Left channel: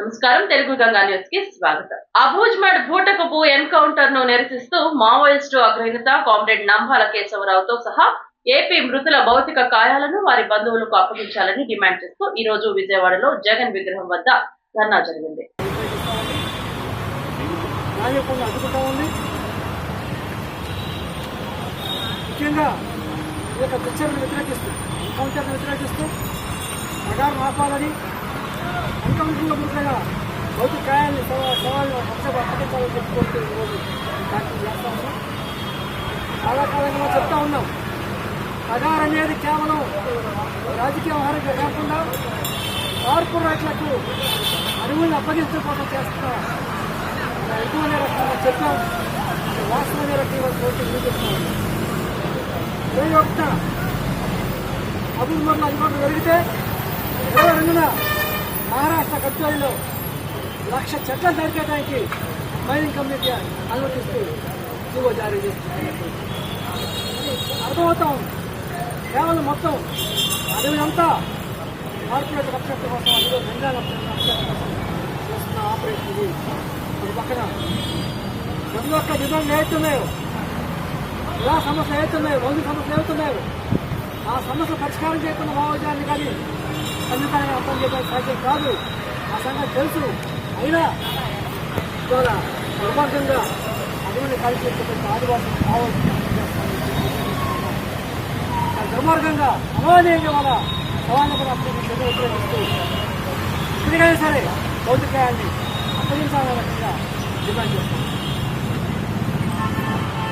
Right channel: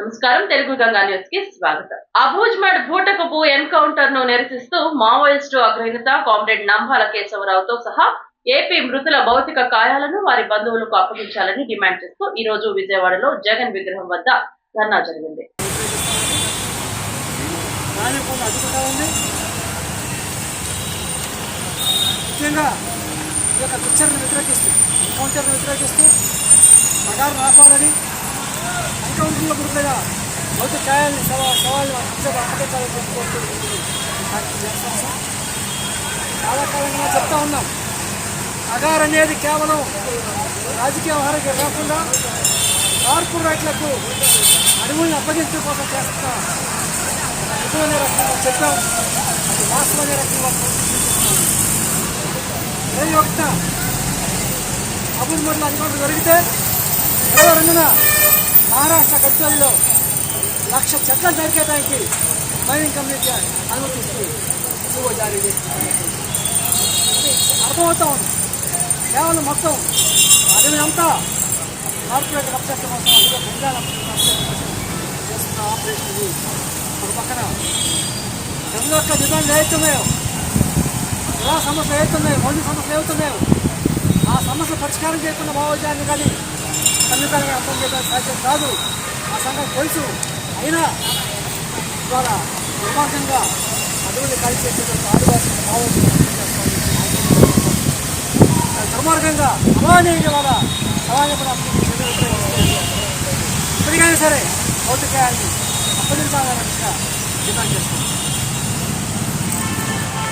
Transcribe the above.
నమస్కారం. తెలుగు గంగా న్యూస్కి స్వాగతం అబూజ్మడ్ భూటకపు ఎన్కౌంటర్ను నిరసిస్తూ మావోయిస్టు అగ్రనేత కామ్రేడ్ నంబాల కేశవరావుతో సహా ఏపీ మృతుల భౌతిక కాయాలను వారి బంధువులకు అప్పగించాలని డిమాండ్ చేస్తూ ఈ రోజు విజయవాడలో జగన్ విగ్రహం వద్ద ధర్నా జరిగింది. ముఖ్యంగా ఈ యొక్క వ్యతిరేకిస్తూ ఎన్కౌంటర్ను వ్యతిరేకిస్తూ ఆపాలని ఎన్కౌంటర్లో గుర్తుగా భౌతిక కాయాన్ని సవా శవాలను హంసకు అప్పగించాలని చెప్పుకోవచ్చు ఈరోజు దానికి చాలా కాలంగా చెప్తా ఉన్నాం అగార్ అనేది కేవలం రాజకీయ వ్యవహారంగా కాకుండా కార్పొరేట్లకు అడవుల్ని అప్పగించడం కోసం చేస్తున్న ఎటువంటి రకంగా చెప్పాం అది వాస్తవమైన రకంగా కోర్టు చూపిస్తున్నాం ఇరవై ఒకటిన అభివృద్ధి అధికారులు జరిగితే ఇరవై రెండున మహారాష్ట్ర గడ్చోలిలో లక్ష చెట్లను నరికేయడానికి మైనింగ్ కమ్యూనిటీ అనుమతిస్తూ జీవో జారీ చేస్తుంది అర్థమవుతా ఉంది కేవలం మొత్తం అడవినంతా కార్పొరేట్ అప్సెట్ కోసం అదిలో బెంగాల్ అప్సెట్ కోసం చేస్తున్న ఆపరేషన్ ఇది. ఒక పక్కన ప్రజల యొక్క డిమాండ్లు ఏవైతున్నాయో ఎలా సమస్యలు ఏవైతున్నాయో మౌలిక సమస్యలు ఏవైతున్నాయో ఆ సమస్యలు పరిష్కారం చేయకుండా మావోజాన్ని కానీ ఖండితంగా అర్థం చేయడం సాధ్యం కాదు. ఆ సంగతి తెలుసు. అయినా ఇవాళ దుర్మార్గంగా అటువంటి కలిసి ఆదివాసీ మావోజీ దుర్మార్గంగా అమానీయంగా వాళ్ళ సమాజంలో కూడా ఇప్పటికైనా సరే భౌతికాయాన్ని అప్పగించాలని డిమాండ్ చేస్తున్నాం.